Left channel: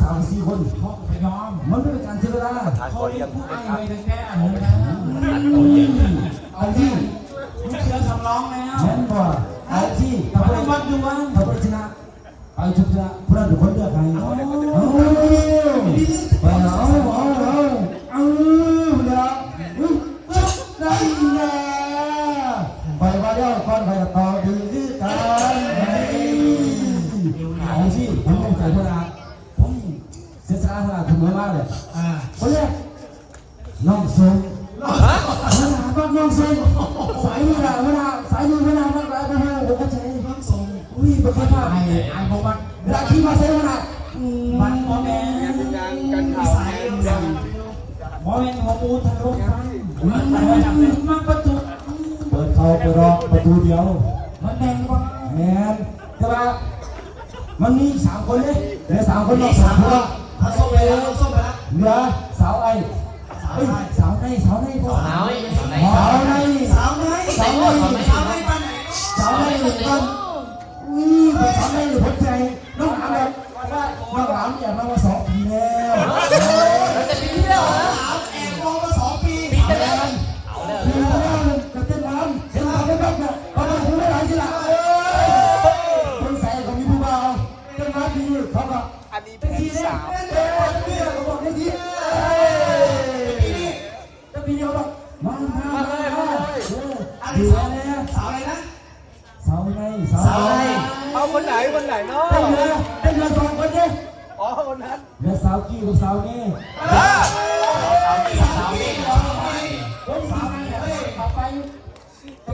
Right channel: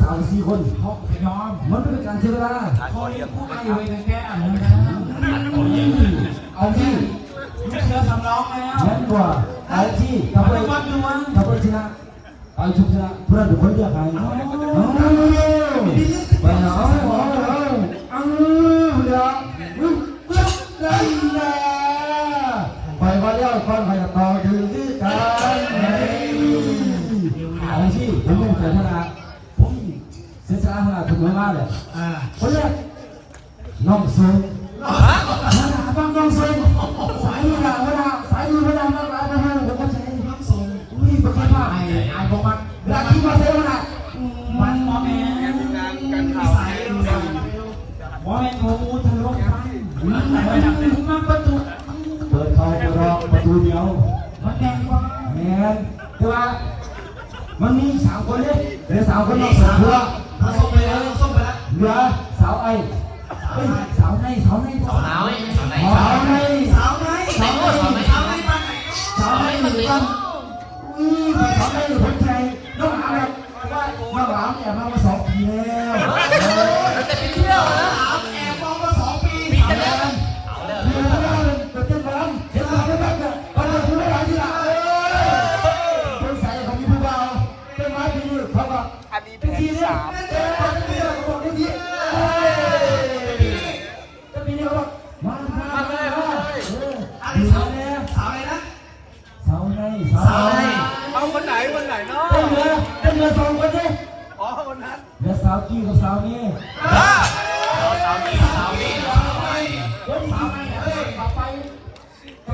สามสี่คนไม่ยอมมันไม่เป็นการเสียเวลาเขาเรียกผู้ไอไว้เป็แก้เหมือนกันเอาที่ลูกเสือสำรองแล้วแม่นกว่าเอาที่ทำไปวันดูวันทำไปชนะไปชนะเพื่อนทุกคนเลือกใครเอา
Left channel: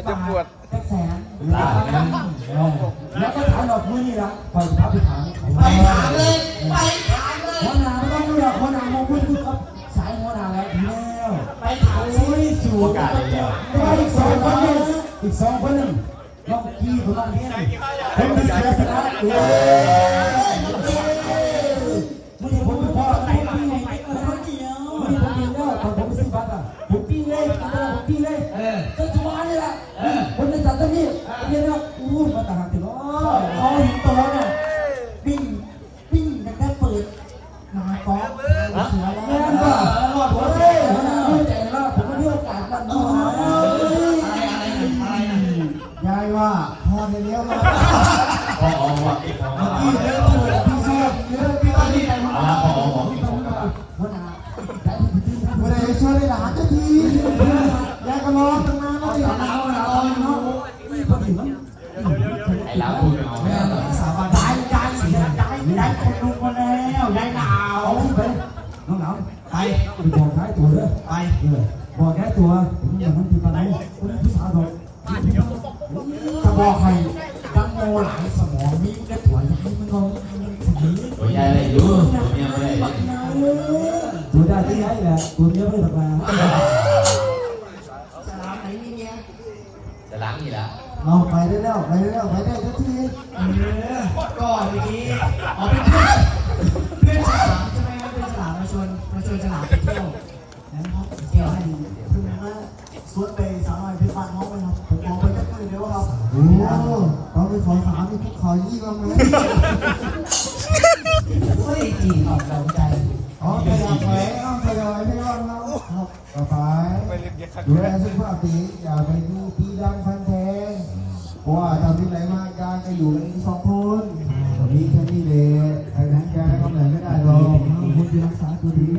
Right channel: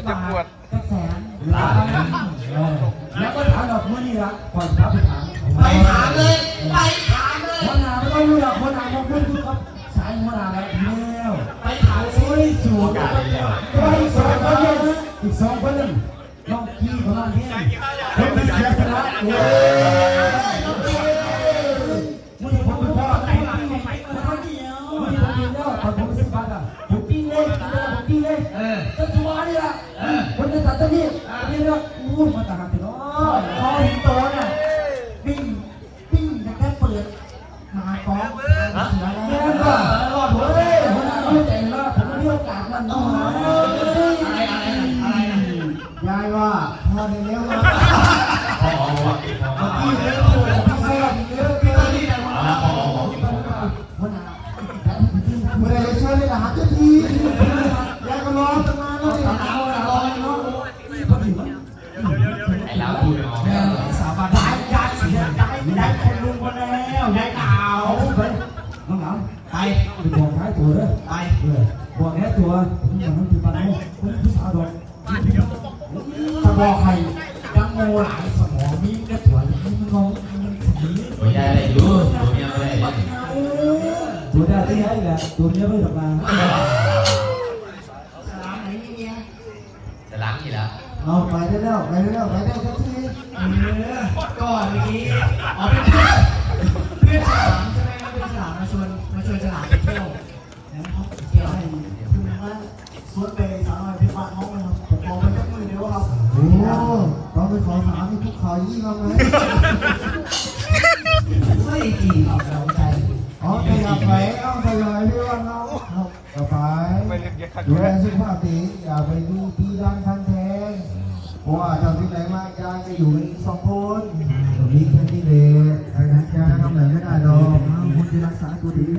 มัจะปวดแสนแล้วก็ถามดอกนี้ละก่อนครับไปถามไปถามเลยไปถามเลยคนวหนาไม่ต้องเลือกหัวหน้ามองเพื่อนทุกคนใช้ยหัหนาแล้วไปถามซิสูตรก็อีกสองคนนึงอีกสองคนนึงลองกี้ลองเกี้คนที่เสียสละ มาขอ บอให้ตั้งโมหลายสมองมีกระถั่วยิ้น้องอันนี้ดูอยู่เนี่ยไม่ได้ดูได้ที่ไหนล่ะดูเยอะไม่สบายตลาดนี้เนี่ยตลาดนี้ล่ะเอาไปได้แล้วไปได้แล้วไปได้แล้ว กี่สนใจอ๋อไปเอาไปเอาไปเลยไม่ต้องเอาเอาไปไปเรียกเยอะขัดเยอะสุภาพดีอย่าไปดูตีดังพันแทงว่าทำที่ไหนมากยายจะอยู่สองคนตรงนี้แค่นี้เลยไปนั้นแกทำอะไรไม่ได้หรอกคุณจะรักษาตัวดี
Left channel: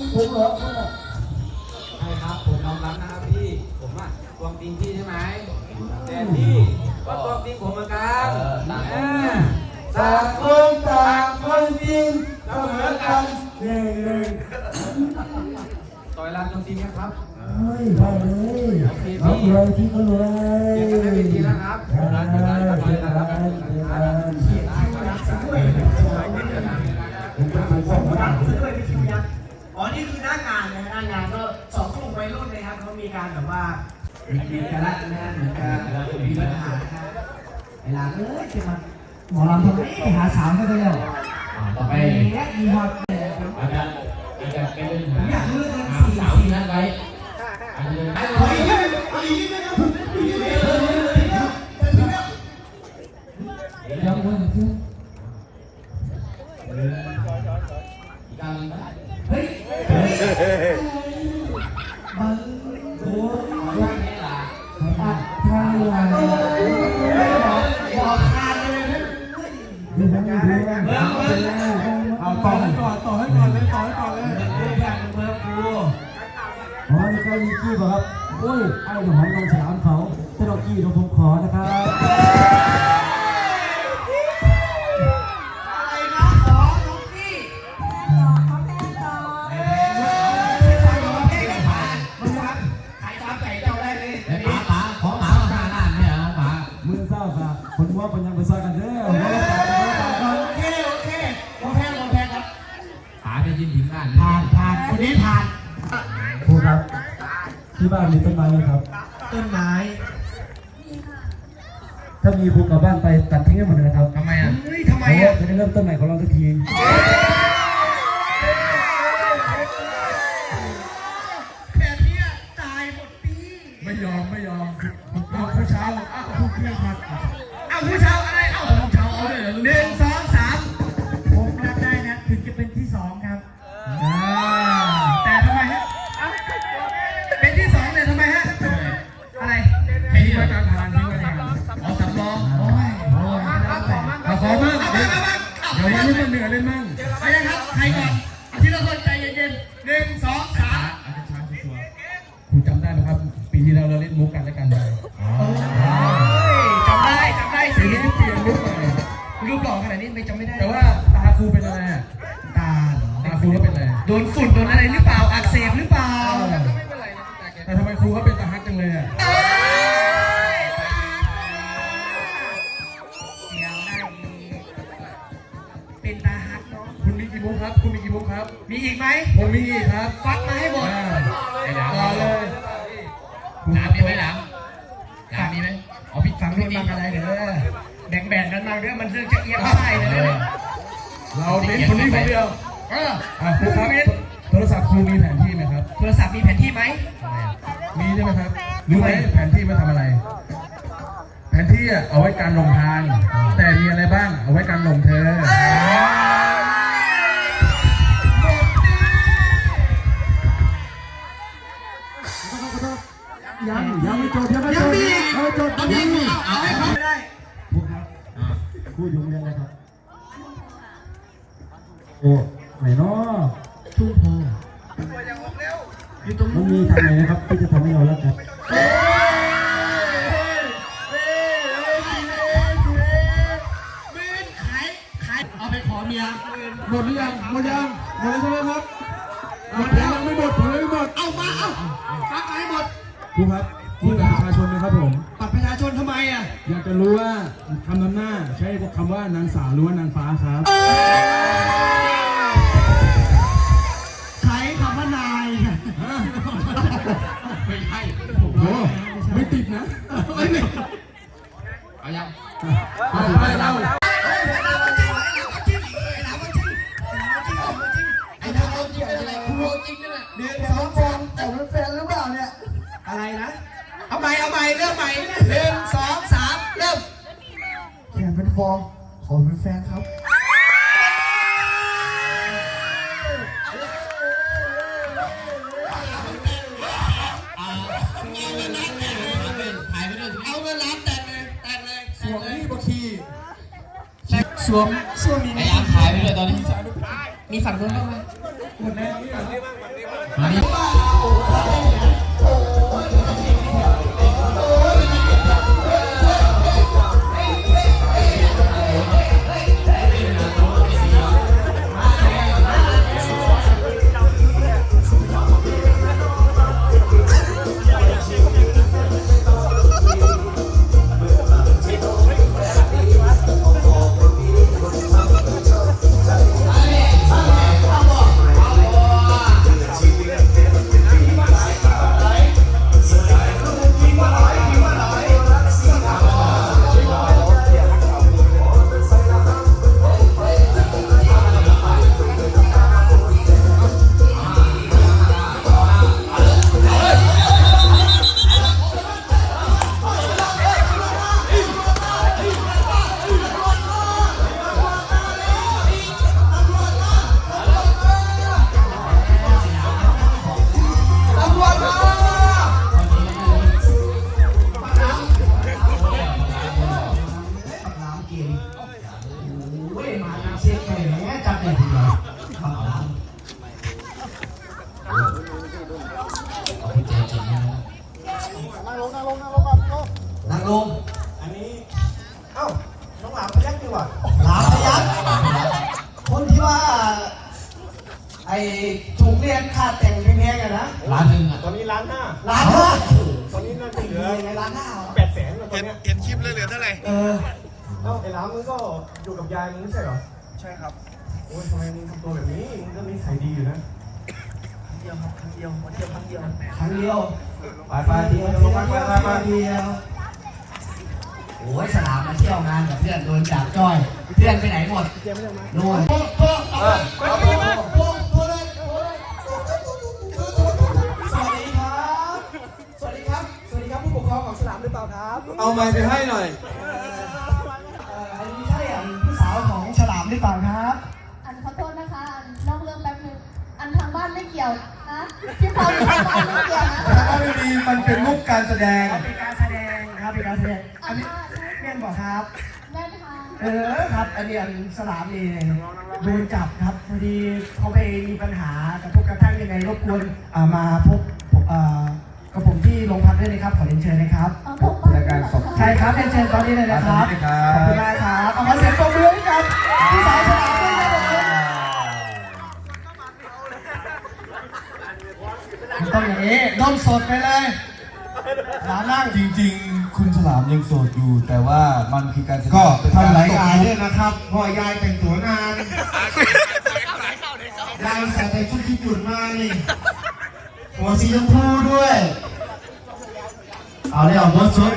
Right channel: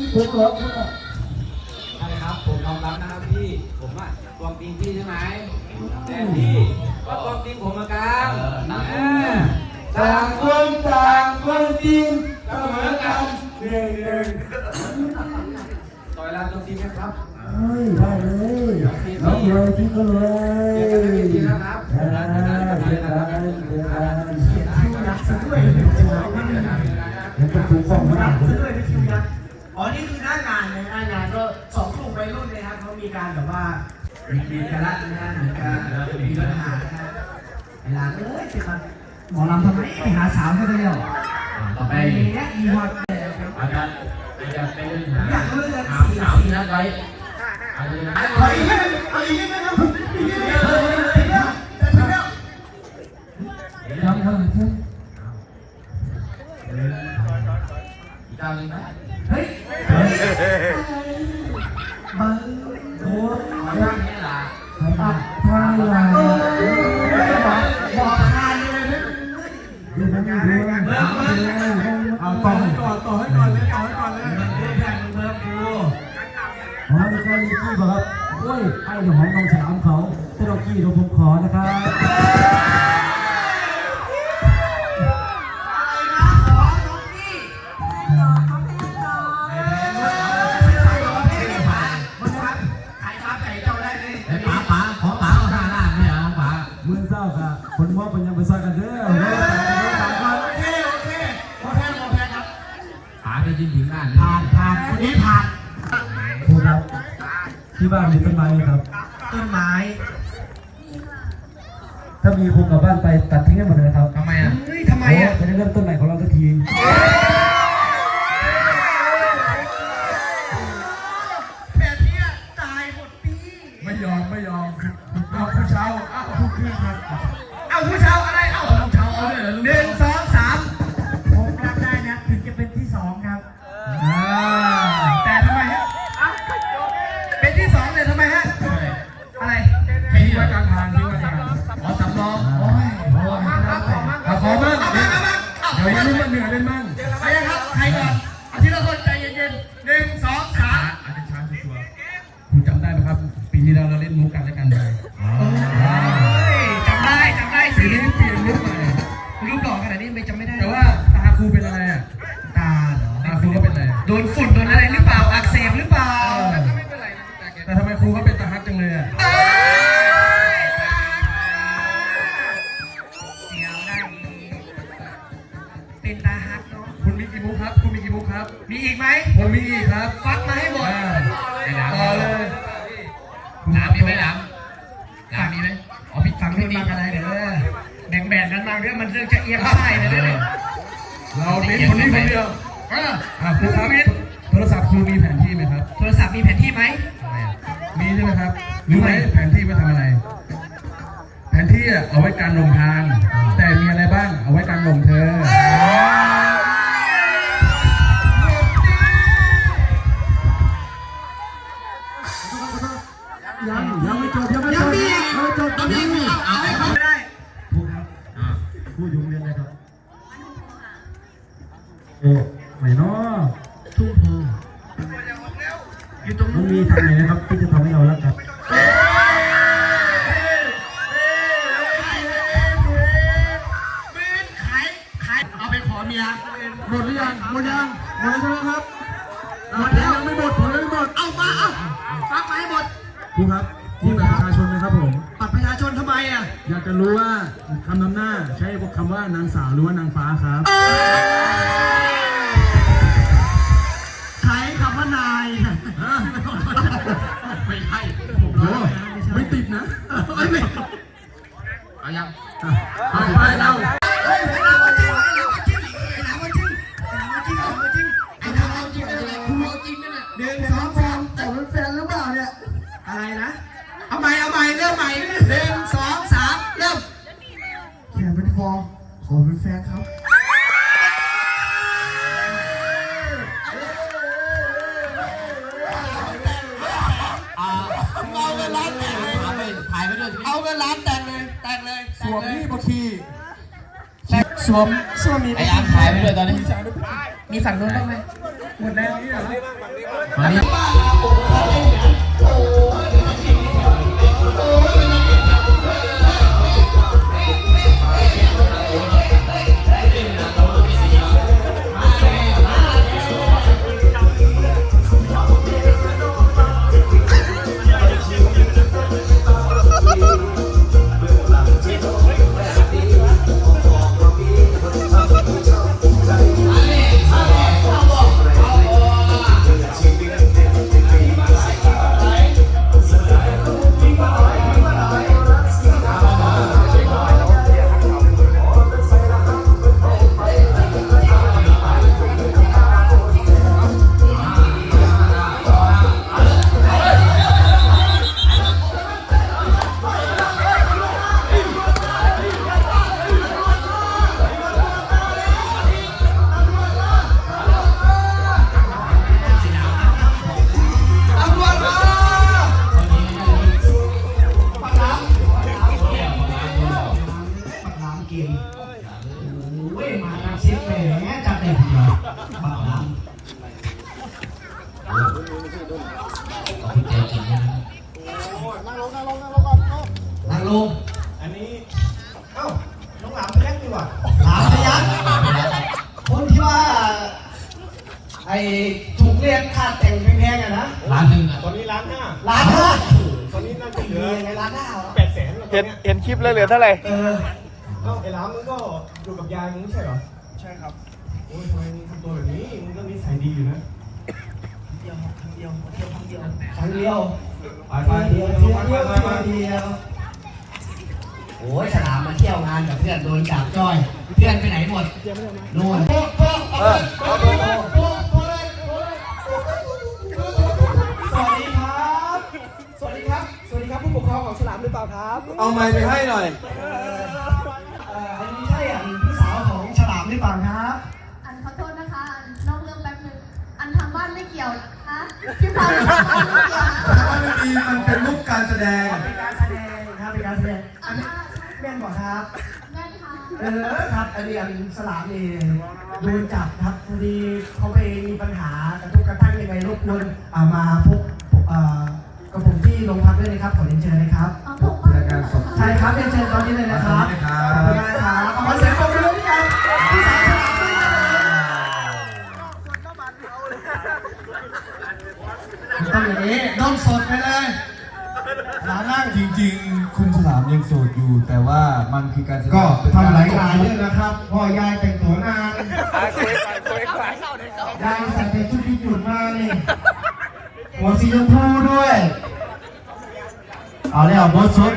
ผมร้อใช่ครับผมยอมรับนะครับพี่ ผมอะตัวจริงพี่ใช่ไหมแต่พี่ก็ตัวจริงผมเหมือนกันต่างคนต่างคนจริงเสมอกันหนึ่งหนึ่งต่อยลานตัวจริงไหมครับ เฮ้ยได้เลยโอเคพี่ รับเลยพี่ก็รวยเจอกันในเวทีนะครับได้ได้ได้ได้ได้ได้ ผมจะถูกฟ้องมาหนักรับ อ๋อนี่คือหน้างานเลยหน้างานก็สองกลุ่มวัยรุ่นนะครับเขามีการแบบว่าเรียนกันละนะเหมือนกันมีปัญหานะครับเวลาเอ้ยจะมาหมอลำทำไมไปหาสาวก็ได้แล้วต่อไปไปแยกมีฮอตเลยครับอาจารย์อาจารย์ไปเรื่องหาอยากเลือกกันหาสี่สาวที่นัดไว้อาจจะนัดไว้ยั นี่บอกครับโอ้ยไอ้เดี๋ยวของน้องฉลามเขาแต่เรากี้เราผมขอนะครับ บ้านมีต้นไม้ไหมครับ ต้นไม้ ถ้ามีครูกลับบ้านไปตัดทิ้งให้หมดเลยนะครับทำไมอะเฮ้ยทำไมโอ้อะจะได้เริ่มต้นใหม่ของเราสักที แบ่งแบ่งๆกันมาเรื่องมันเรื่องจะเอียงได้เดี๋ยวเนี่ยเราเน้นคนนี้คนเดียวเอออะครูครับโทรศัพท์ครูมีแผนที่ไหมครับ โทรศัพท์มีแผนที่ไหมมีใช่ไหมครับรู้ไหมแผนที่ไว้ทำอะไร แผนที่อะเอาไว้การลงทาง แต่มี ยังเอาไปเรา ตอนนี้ อเท่าไหร่เออเอ้าไอ้ล้านมึงก็อยู่กับยายมึงไม่ใช่เหรอ ใช่ครับโอ้ยทำไมมึงทำตัวแบบนี้ มึงก็นิสัยดีอยู่นะเดียวครับครั้งเดียวมาเที่ยวครั้งเดียวครั้งเดียวไปไปเที่ยวลงไปไปไปไปเดียวโอ้ยสนามมาเที่ยวงานกับเพื่อนโดนจับจ้อย เพื่อนไปไหนหมดโน่นโป๊ะโป๊ะโป๊ะ รือเปล่าครับเอาไม้ไปให้หน่อยเอ่ออันนี้ใช่อันพี่สาวของฉลามหรือเปล่าครับอันขอโทษนะคะอันนอกเรื่องแป๊บนึงอันทางบ้านไม่เกี่ยวนะคะที่เราไม่เกี่ยวนะถ้าไม่ดีมันเป็นมุกการแสดง เป็นการแสดงครับเป็นการแสดงอันนี้แม่นบอกครับ แม่ค่ะเออครับ อันนี้อันสลามนี่โดนจับครับพอดีเขาไปมีปัญหากระทบกระทั่งยังไงรบกวนอ่ามาพบ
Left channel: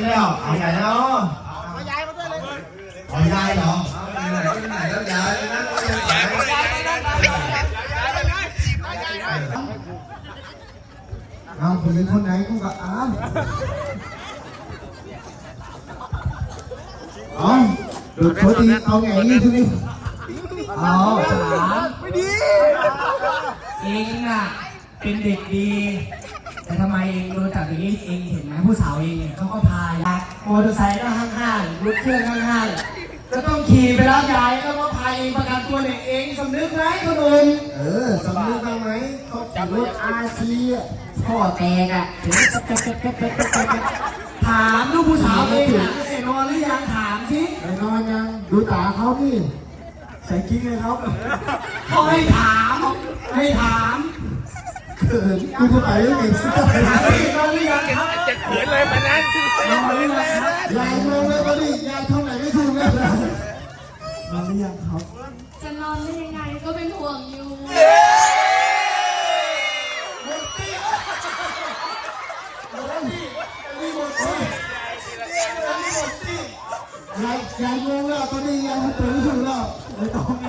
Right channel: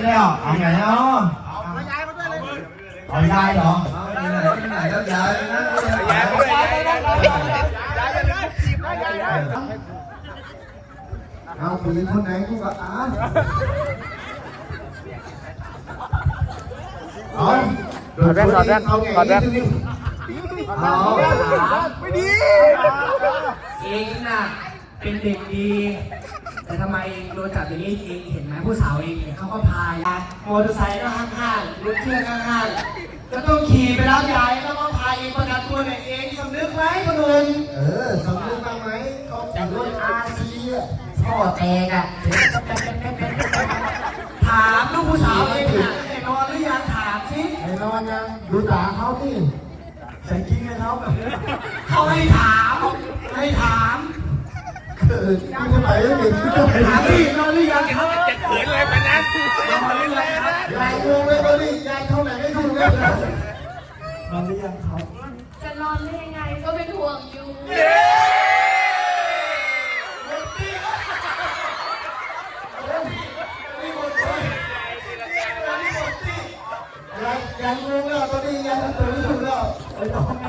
แล้ว เอาไหนเนาะเอายายเหรอไหนก็ย้ายเอาผู้หญิงคนไหนกูก็อ่านเอาดูดแว่นถอดแว่นเอาไงถอดแว่นทีนี้ไม่ดีเองน่ะเป็นเด็กดี แต่ทำไมเองโดนจับอย่างนี้เองเห็นไหมผู้สาวเองเขาก็พายมอเตอร์ไซค์ก็ข้างๆรถเครื่องข้างๆจะต้องขี่ไปรับยายแล้วก็พายประกันตัวเนี่ยเองสำนึกไหมคุณลุงเออสำนึกบ้างไหมเขาขี่รถอาซีอะพ่อแตกอะถามลูกผู้สาวเองนอนหรือยังถามสิไอ้น้อยยังดูตาเขาพี่ใส่ชิ้นให้เขาเขาให้ Thank you.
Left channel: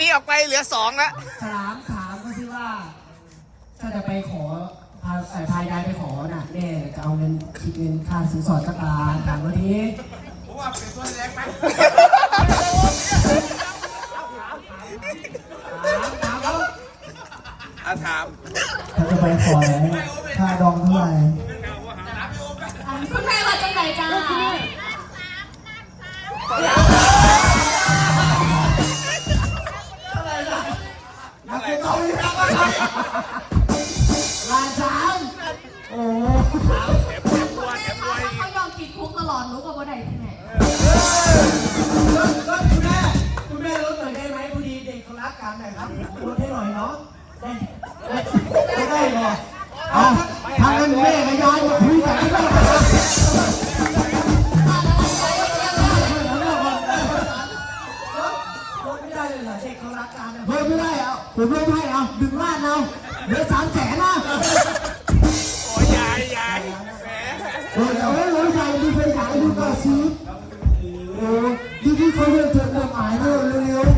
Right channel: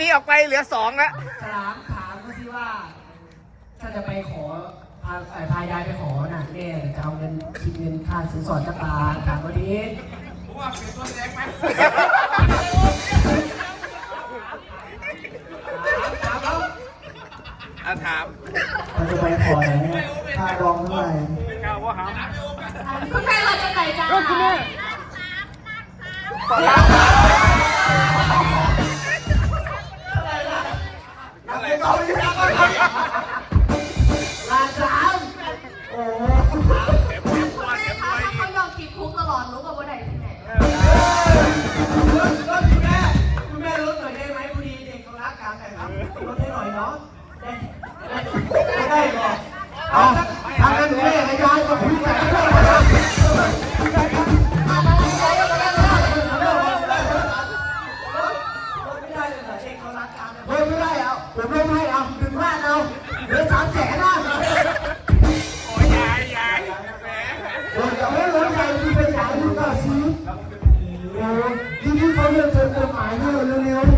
นี้ออกไปเหลือสองละถามถามก็ที่ว่า ถ้าจะไปขอพาสายพายยายไปขอน่ะแม่จะเอาเงินคิดเงินค่าสินสอดจากตาถามวันนี้เขาจะไปขอไหนค่ารองเท่าไหร่คุณแม่มาจากไหนจ้าคุณแม่ ลาสามโอ้ถ้าลองปิดทุกตลอดรู้ป่าว่าไหนที่ไหน ผมไม่ได้เอาดึงบ้านเอาเหลือสามแสนนะโอ้ยยายโอ้ยไม่ไว้ใจดูเป็นใหญ่ดูก่อนสิโอ้ยที่นี่เขาเลิกเกินกฎหมายเร็วเร็ว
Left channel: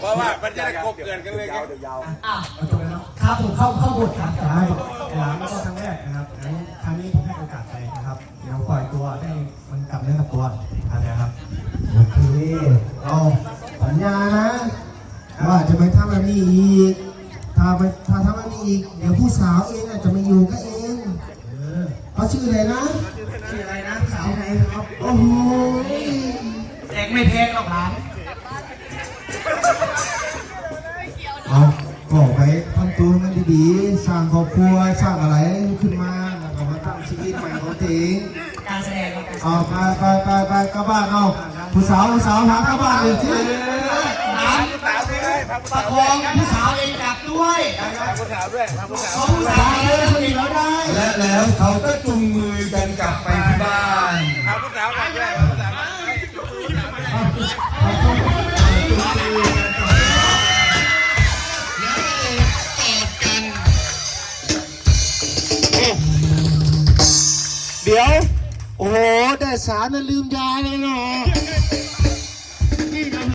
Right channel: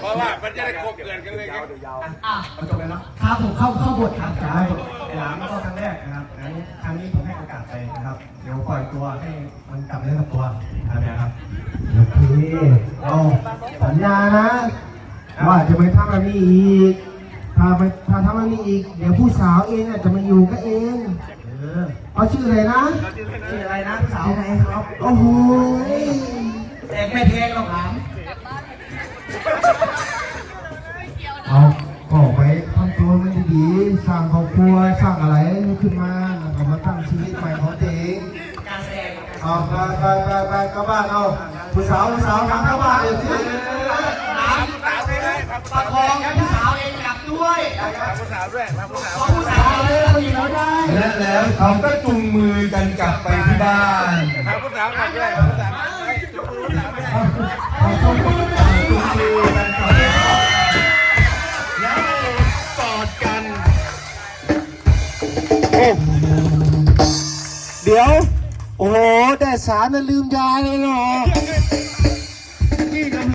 เพราะว่ามันจะได้ครบเกินกันเลยครับมันจบเลยเนาะครับผมเข้าเข้าบทครับใช่ไอ้หลามก็ครั้งแรกนะครับครั้งครั้งนี้ผมให้โอกาสไปนะครับ เดี๋ยวปล่อยตัวให้มันกลับเนื้อกลับตัวนะครับโอเค สาวผู้สาวทำเข้าบ้านเลยสิประคองพี่สาวเองกลับด้วยผู้สาวด้วยผู้สาวผู้สาวเองมีเราได้และแล้วเขาก็จุงมือกันกลับไปที่บ้านผู้สาวด้วยผู้สาวเขาจุงมือกันกลับไปบ้าแล้วก็กอดกันเดี๋ยวโอ้โหแต่สารน่ะลืมยายเลยเหรอ